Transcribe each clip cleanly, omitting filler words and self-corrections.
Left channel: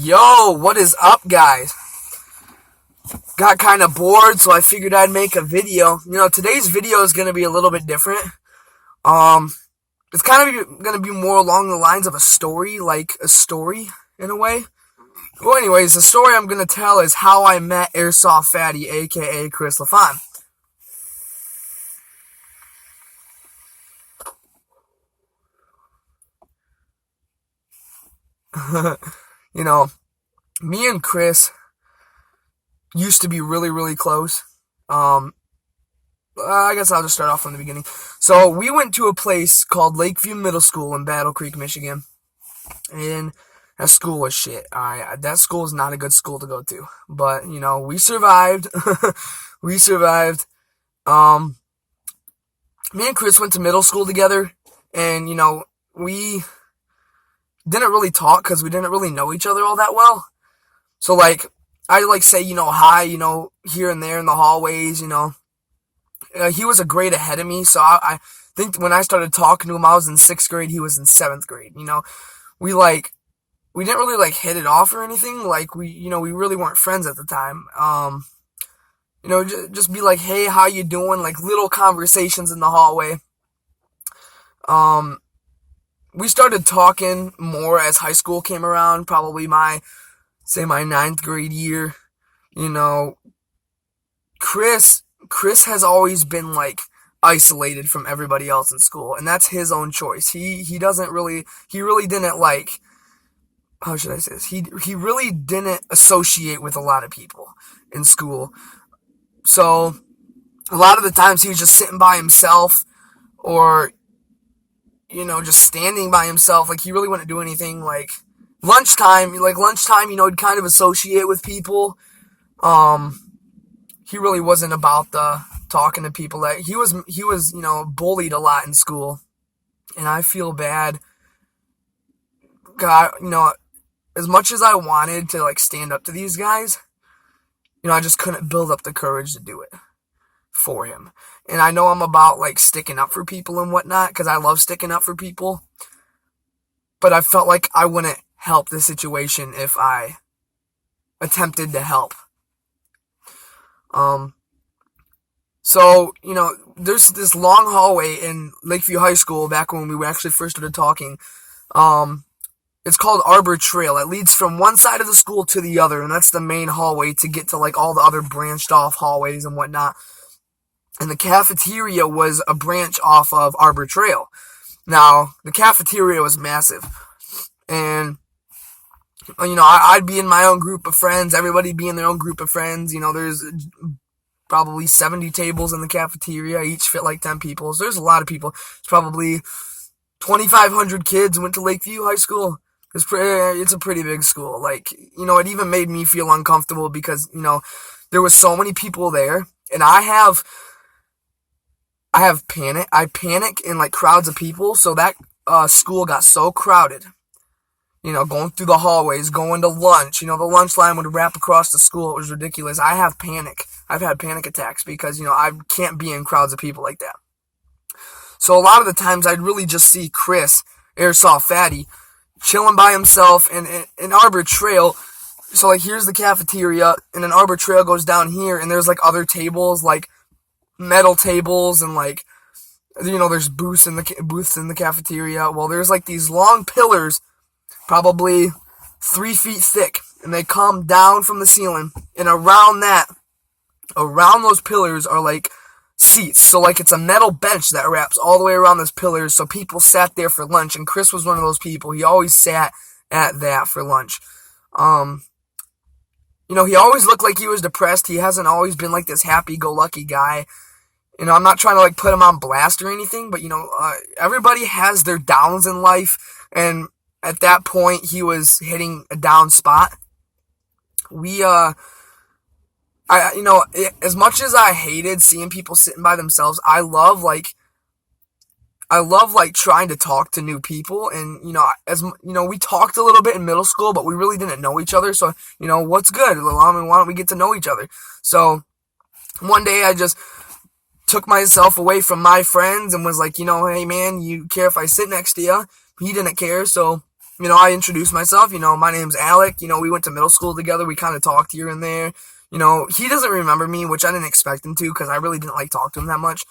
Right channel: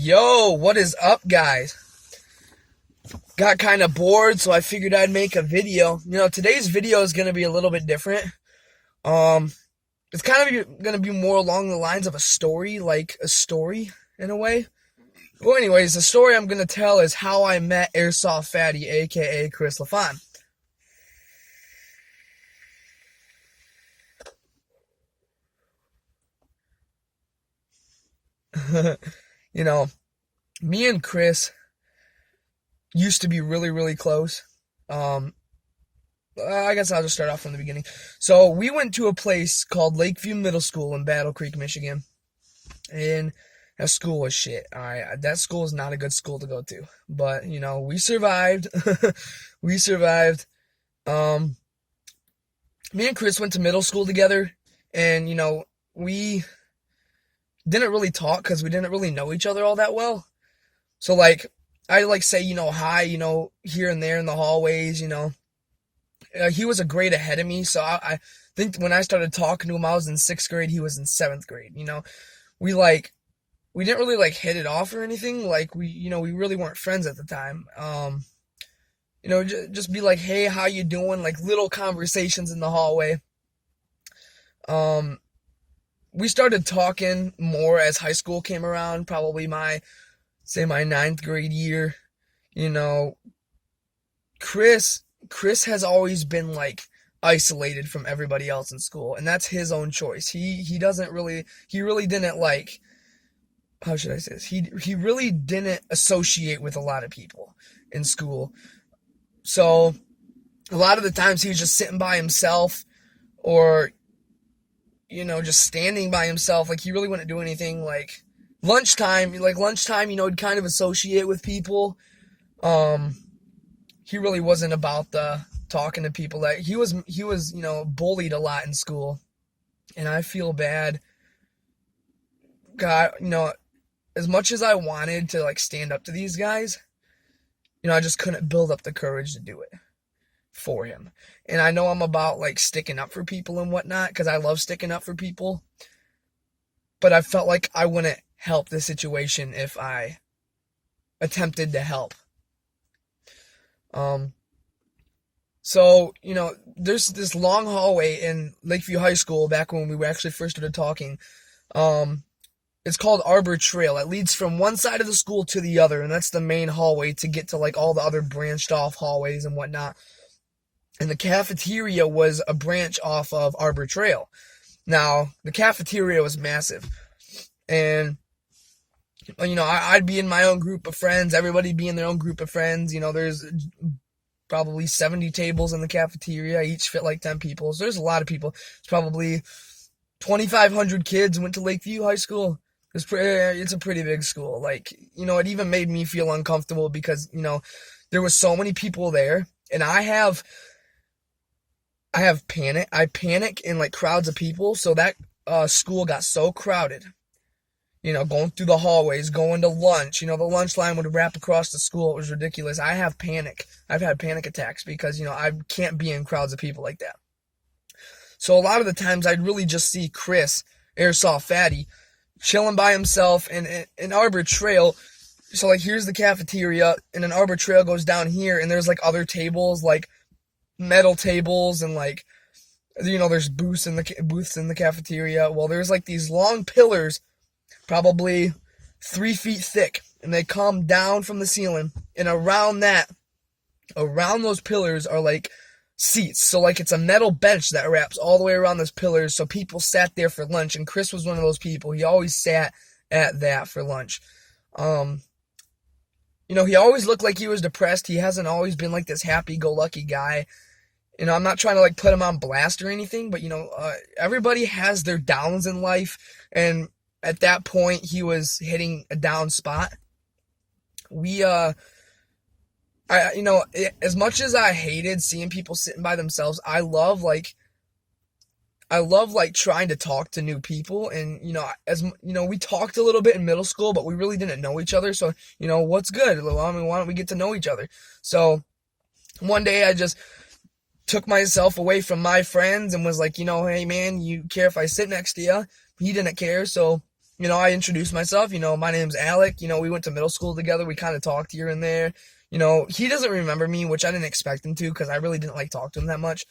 Yo, what is up, guys? Got kind of bored, so I figured I'd make a video. Today's video is going to be a little bit different. Um, it's kind of going to be more along the lines of a story, like a story, in a way. Well, anyways, the story I'm going to tell is how I met Airsoftfatty, aka Chris LaFon. you know, Me and Chris used to be really, really close. I guess I'll just start off from the beginning. So we went to a place called Lakeview Middle School in Battle Creek, Michigan, and that school was shit. That school is not a good school to go to, but we survived. we survived. Me and Chris went to middle school together, and we didn't really talk because we didn't really know each other all that well. So I say hi here and there in the hallways. He was a grade ahead of me, so I think when I started talking to him, I was in 6th grade. He was in 7th grade. We didn't really hit it off or anything. We really weren't friends at the time. Just be like, hey, how you doing? Little conversations in the hallway. We started talking more as high school came around, probably my 9th grade year. Chris has always been isolated from everybody else in school, and that's his own choice. He really didn't how should I say this? He really didn't associate with a lot of people in school. So a lot of the times he was just sitting by himself, or just standing by himself. He really wouldn't do anything. Lunchtime, he'd kind of associate with people. He really wasn't about the talking to people. He was bullied a lot in school, and I feel bad. God, as much as I wanted to stand up to these guys, I just couldn't build up the courage to do it for him. And I know I'm about sticking up for people and whatnot, because I love sticking up for people. But I felt like I wouldn't help the situation if I attempted to help. So, there's this long hallway in Lakeview High School back when we actually first started talking. It's called Arbor Trail. It leads from one side of the school to the other, and that's the main hallway to get to all the other branched off hallways and whatnot. And the cafeteria was a branch off of Arbor Trail. Now, the cafeteria was massive. And, I'd be in my own group of friends. Everybody be in their own group of friends. There's probably 70 tables in the cafeteria. Each fit 10 people. So there's a lot of people. It's probably 2,500 kids went to Lakeview High School. It's a pretty big school. It even made me feel uncomfortable because, there was so many people there. And I have panic. I panic in crowds of people. So that school got so crowded. Going through the hallways, going to lunch. The lunch line would wrap across the school. It was ridiculous. I have panic. I've had panic attacks because, I can't be in crowds of people like that. So a lot of the times I'd really just see Chris, Airsoftfatty, chilling by himself in Arbor Trail. So here's the cafeteria, and an Arbor Trail goes down here, and there's other tables, metal tables, and there's booths in the cafeteria. Well, there's these long pillars, probably 3 feet thick, and they come down from the ceiling, and around those pillars are seats. So it's a metal bench that wraps all the way around those pillars, so people sat there for lunch, and Chris was one of those people. He always sat at that for lunch. He always looked like he was depressed. He hasn't always been this happy-go-lucky guy. I'm not trying to put him on blast or anything, but everybody has their downs in life, and at that point he was hitting a down spot. As much as I hated seeing people sitting by themselves, I love trying to talk to new people, and we talked a little bit in middle school, but we really didn't know each other. So what's good? Why don't we get to know each other? So one day I just took myself away from my friends and was hey man, you care if I sit next to you? He didn't care, so I introduced myself. My name's Alec. We went to middle school together. We kind of talked here and there. He doesn't remember me, which I didn't expect him to, because I really didn't like talk to him that much.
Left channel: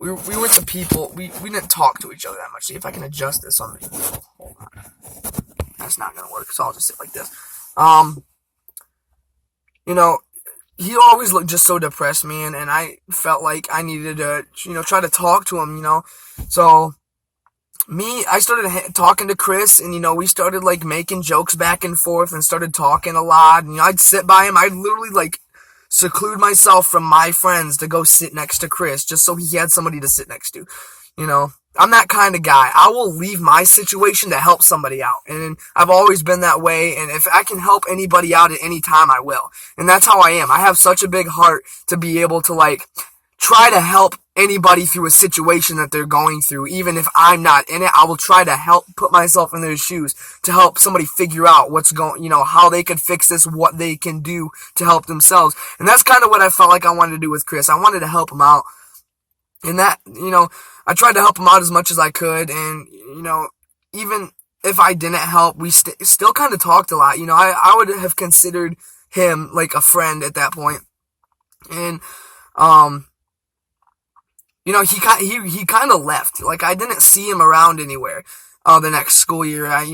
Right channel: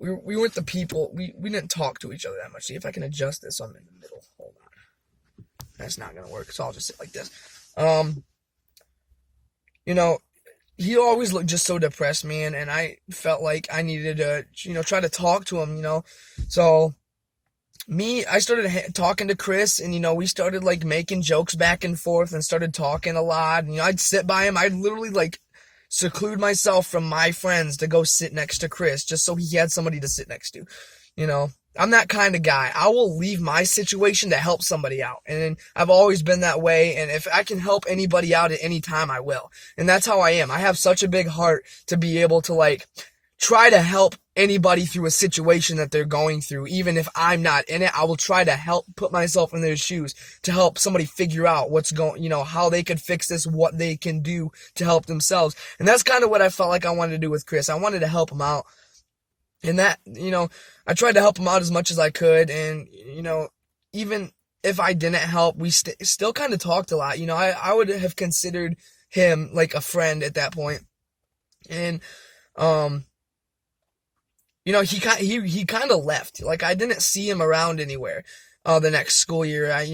We went to people. We didn't talk to each other that much. See if I can adjust this on the. Hold on. That's not gonna work. So I'll just sit like this. He always looked just so depressed, man, and I felt like I needed to, try to talk to him, So, I started talking to Chris, and, we started, like, making jokes back and forth and started talking a lot. And, I'd sit by him. I'd literally, like, seclude myself from my friends to go sit next to Chris just so he had somebody to sit next to, I'm that kind of guy. I will leave my situation to help somebody out. And I've always been that way. And if I can help anybody out at any time, I will. And that's how I am. I have such a big heart to be able to, like, try to help anybody through a situation that they're going through. Even if I'm not in it, I will try to help put myself in their shoes to help somebody figure out what's going, how they could fix this, what they can do to help themselves. And that's kind of what I felt like I wanted to do with Chris. I wanted to help him out. And that, I tried to help him out as much as I could, and, even if I didn't help, we still kind of talked a lot. I would have considered him like a friend at that point. And, he kind of left. Like, I didn't see him around anywhere the next school year. I,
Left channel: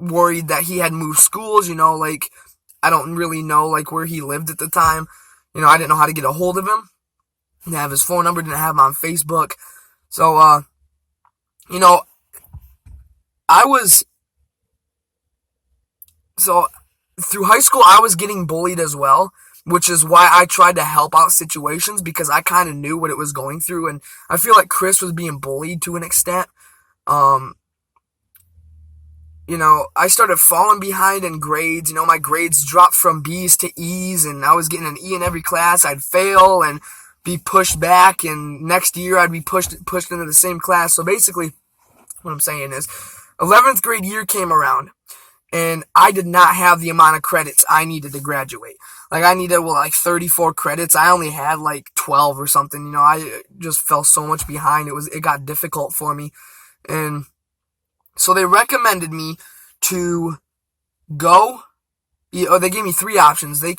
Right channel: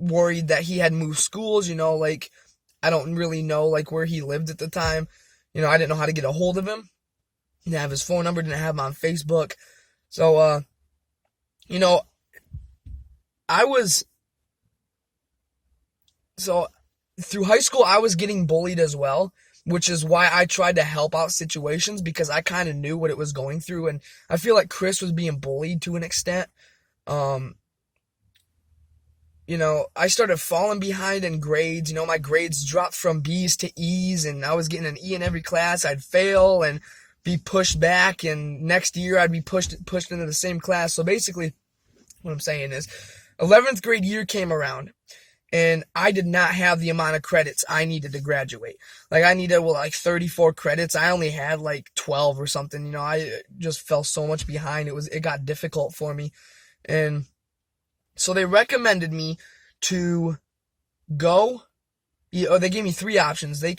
worried that he had moved schools, like, I don't really know, like, where he lived at the time. I didn't know how to get a hold of him. Didn't have his phone number, didn't have him on Facebook. So, through high school, I was getting bullied as well, which is why I tried to help out situations, because I kind of knew what it was going through, and I feel like Chris was being bullied to an extent. I started falling behind in grades. My grades dropped from B's to E's, and I was getting an E in every class. I'd fail and be pushed back, and next year I'd be pushed into the same class. So basically, what I'm saying is, 11th grade year came around, and I did not have the amount of credits I needed to graduate. Like, I needed, 34 credits. I only had, 12 or something. I just fell so much behind. It got difficult for me. And so they recommended me to go, or they gave me 3 options. They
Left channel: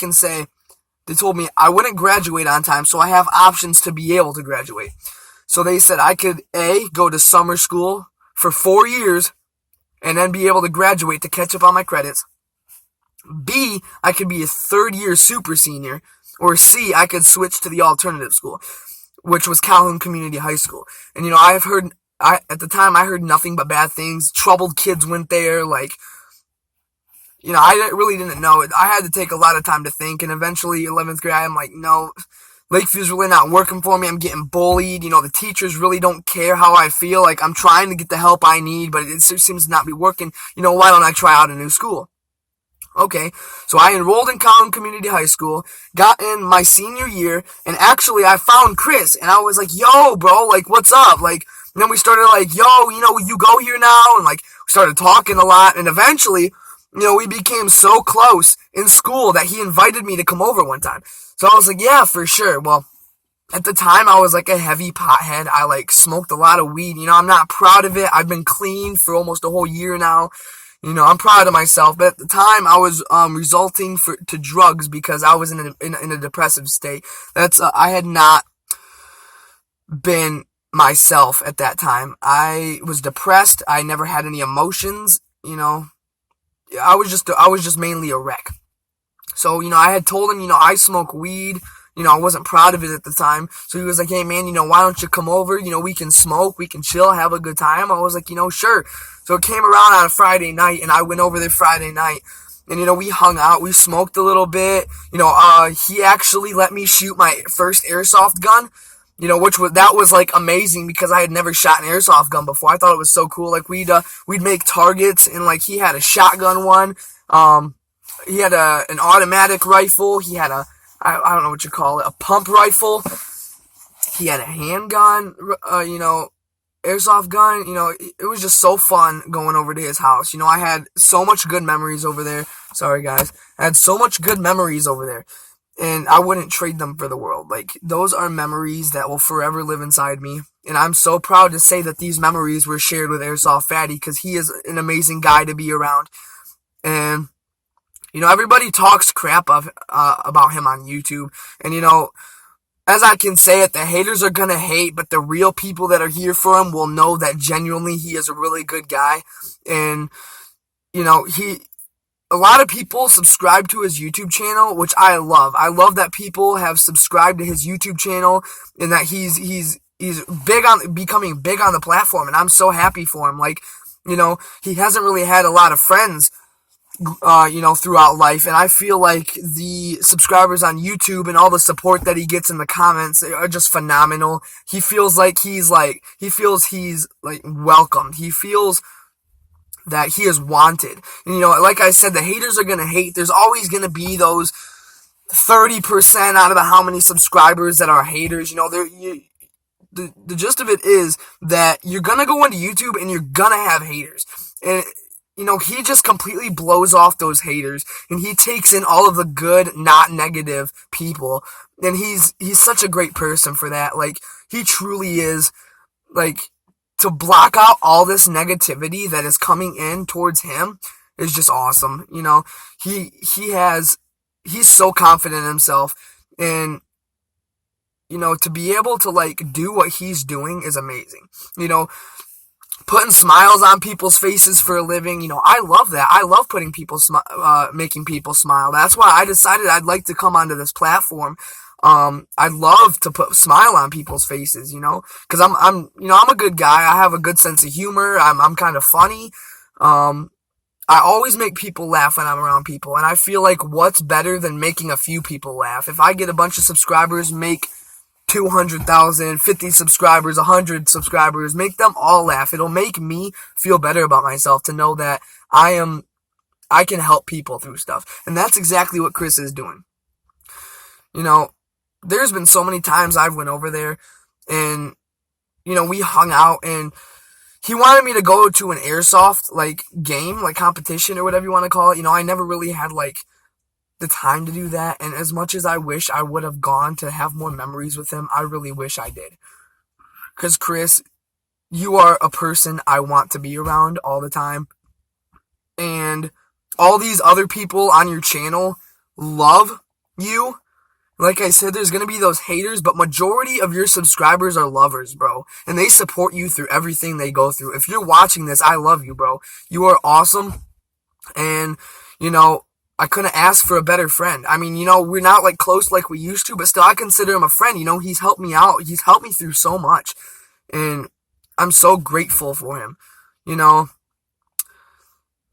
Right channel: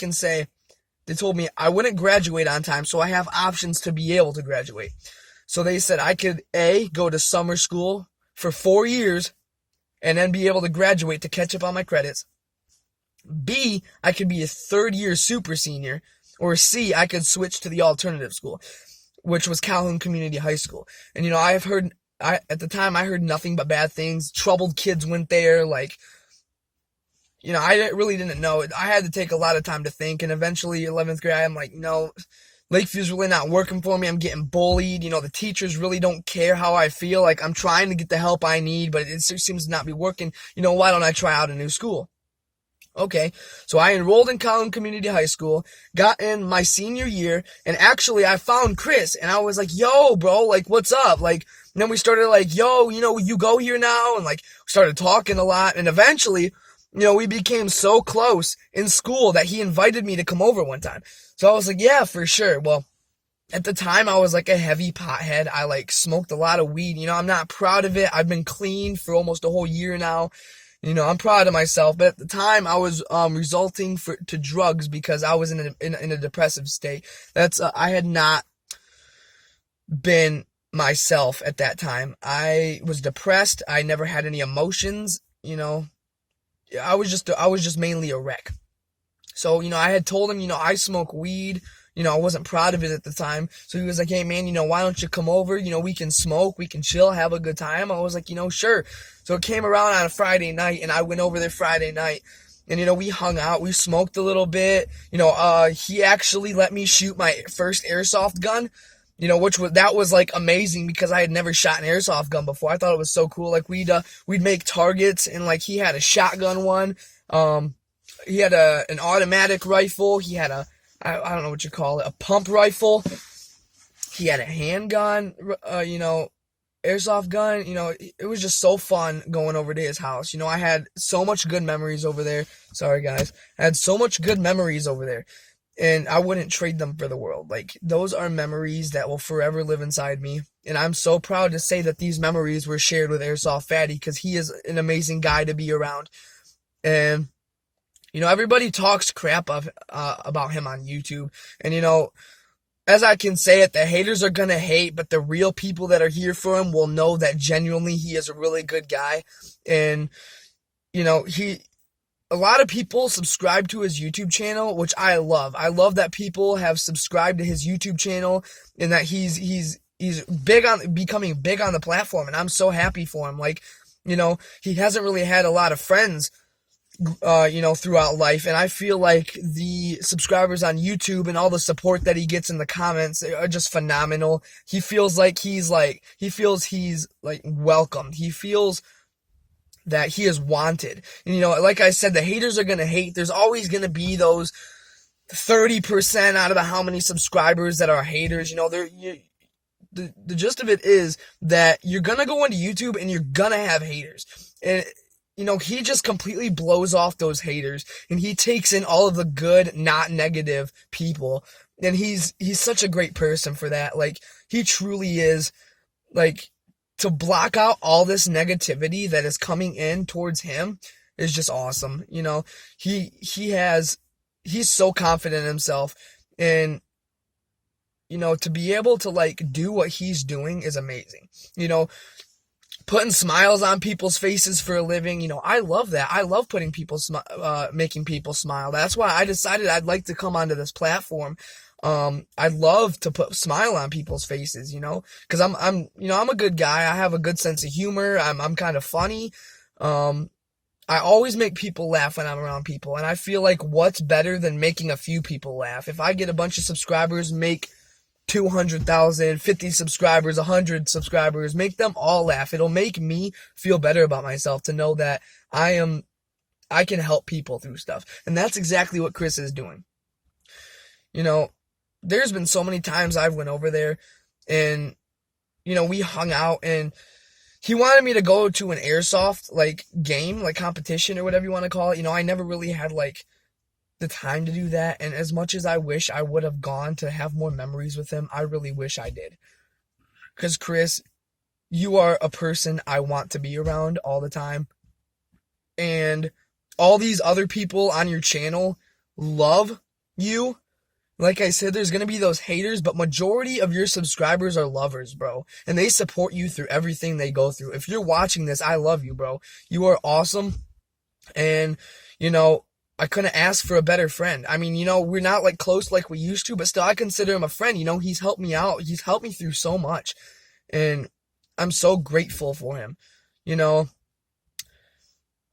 told me I wouldn't graduate on time, so I have options to be able to graduate. So they said I could, A, go to summer school for 4 years and then be able to graduate to catch up on my credits. B, I could be a 3rd-year super senior. Or C, I could switch to the alternative school, which was Calhoun Community High School. And, at the time, I heard nothing but bad things. Troubled kids went there, I really didn't know. I had to take a lot of time to think, and eventually, 11th grade, I'm like, no, Lakeview's really not working for me. I'm getting bullied. The teachers really don't care how I feel. Like, I'm trying to get the help I need, but it seems to not be working. Why don't I try out a new school? Okay, so I enrolled in Calhoun Community High School, got in my senior year, and actually, I found Chris, and I was like, yo, bro, what's up? Then we started yo, you go here now, and we started talking a lot, and eventually, we became so close in school that he invited me to come over one time. So I was like, yeah, for sure. Well, at the time, I was a heavy pothead. I smoked a lot of weed. I'm not proud of it. I've been clean for almost a whole year now. I'm proud of myself. But at the time, I was resorting to drugs because I was in a depressive state. I had not been myself at that time. I was depressed. I never had any emotions. I was just mainly a wreck. So, I had told him, I smoke weed. I wasn't proud of it at the time. So he was like, hey, man, why don't you come over? We can smoke, we can chill, have a good time. I was like, sure. So it came around on a Friday night, and I went over there Friday night. And, we hung out, we smoked a little bit. He actually let me shoot my first airsoft gun. That was amazing because I had never shot an airsoft gun before. I thought it was so cool. We'd make targets, and he had a shotgun one. He had an automatic rifle. He had I don't know what you call it, a pump rifle. He had a handgun, airsoft gun. It was just so fun going over to his house. I had so much good memories over there. Sorry, guys. I had so much good memories over there. and I wouldn't trade them for the world. Like, those are memories that will forever live inside me. And I'm so proud to say that these memories were shared with Airsoftfatty, because he is an amazing guy to be around. And, everybody talks crap about him on YouTube. And, as I can say it, the haters are gonna hate, but the real people that are here for him will know that genuinely he is a really good guy. And, a lot of people subscribe to his YouTube channel, which I love. I love that people have subscribed to his YouTube channel, and that he's big on becoming big on the platform, and I'm so happy for him. Like, he hasn't really had a lot of friends, throughout life, and I feel like the subscribers on YouTube and all the support that he gets in the comments are just phenomenal. He feels he's welcomed. He feels that he is wanted. And, like I said, the haters are gonna hate. There's always gonna be those 30% out of the how many subscribers that are haters. The gist of it is that you're gonna go into YouTube and you're gonna have haters. And, he just completely blows off those haters, and he takes in all of the good, not negative people. And he's such a great person for that. Like, he truly is. Like, to block out all this negativity that is coming in towards him is just awesome. He's so confident in himself, and to be able to do what he's doing is amazing. Putting smiles on people's faces for a living, I love that. I love making people smile. That's why I decided I'd like to come onto this platform. I love to put smile on people's faces, because I'm a good guy. I have a good sense of humor. I'm kind of funny. I always make people laugh when I'm around people, and I feel like what's better than making a few people laugh? If I get a bunch of subscribers, make 200,000, 50 subscribers, 100 subscribers, make them all laugh. It'll make me feel better about myself to know that I can help people through stuff. And that's exactly what Chris is doing. There's been so many times I've went over there, and, we hung out, and he wanted me to go to an airsoft, game, competition, or whatever you want to call it. I never really had, the time to do that, and as much as I wish I would have gone to have more memories with him, I really wish I did. Because, Chris, you are a person I want to be around all the time, and all these other people on your channel love you. Like I said, there's going to be those haters, but majority of your subscribers are lovers, bro, and they support you through everything they go through. If you're watching this, I love you, bro. You are awesome, and, I couldn't ask for a better friend. I mean, we're not close like we used to, but still I consider him a friend. He's helped me out. He's helped me through so much, and I'm so grateful for him,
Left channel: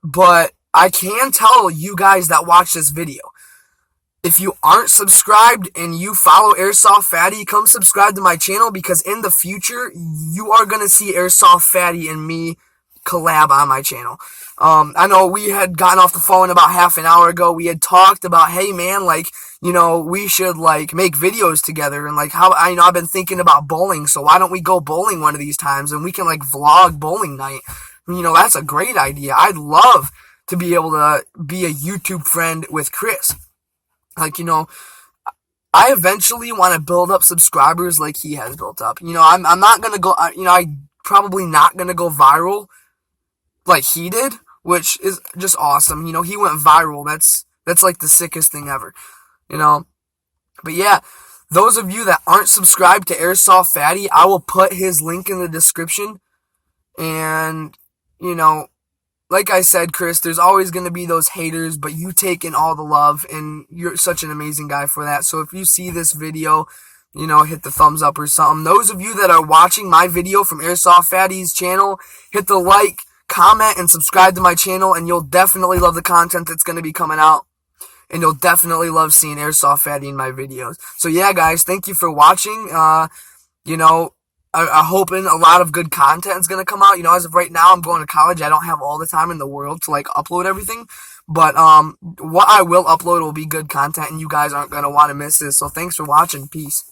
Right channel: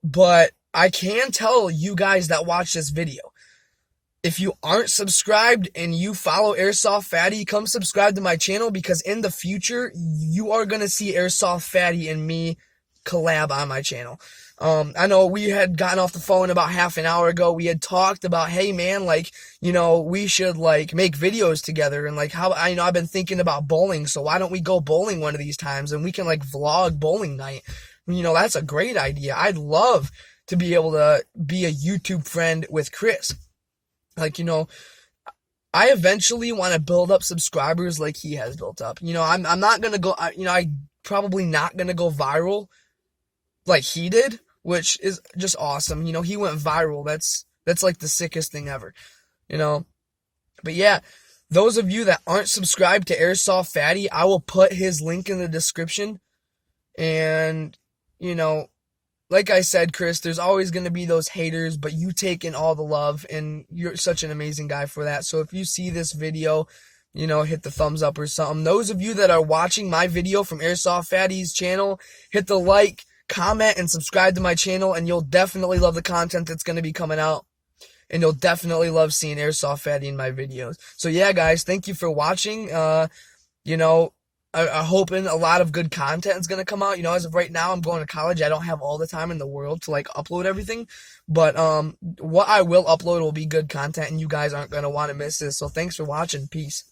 But I can tell you guys that watch this video, if you aren't subscribed and you follow Airsoftfatty, come subscribe to my channel, because in the future, you are going to see Airsoftfatty and me collab on my channel. I know we had gotten off the phone about half an hour ago. We had talked about, hey man, we should make videos together, and how I've been thinking about bowling, so why don't we go bowling one of these times, and we can vlog bowling night. That's a great idea. I'd love to be able to be a YouTube friend with Chris. I eventually want to build up subscribers like he has built up. I'm not gonna go. I probably not gonna go viral like he did, which is just awesome. He went viral. That's the sickest thing ever. But yeah, those of you that aren't subscribed to Airsoftfatty, I will put his link in the description. And, like I said, Chris, there's always going to be those haters, but you take in all the love, and you're such an amazing guy for that. So if you see this video, hit the thumbs up or something. Those of you that are watching my video from Airsoftfatty's channel, hit the like, comment, and subscribe to my channel, and you'll definitely love the content that's going to be coming out. And you'll definitely love seeing Airsoftfatty in my videos. So yeah, guys, thank you for watching. I'm hoping a lot of good content is going to come out. As of right now, I'm going to college. I don't have all the time in the world to upload everything. But what I will upload will be good content, and you guys aren't going to want to miss this. So thanks for watching. Peace.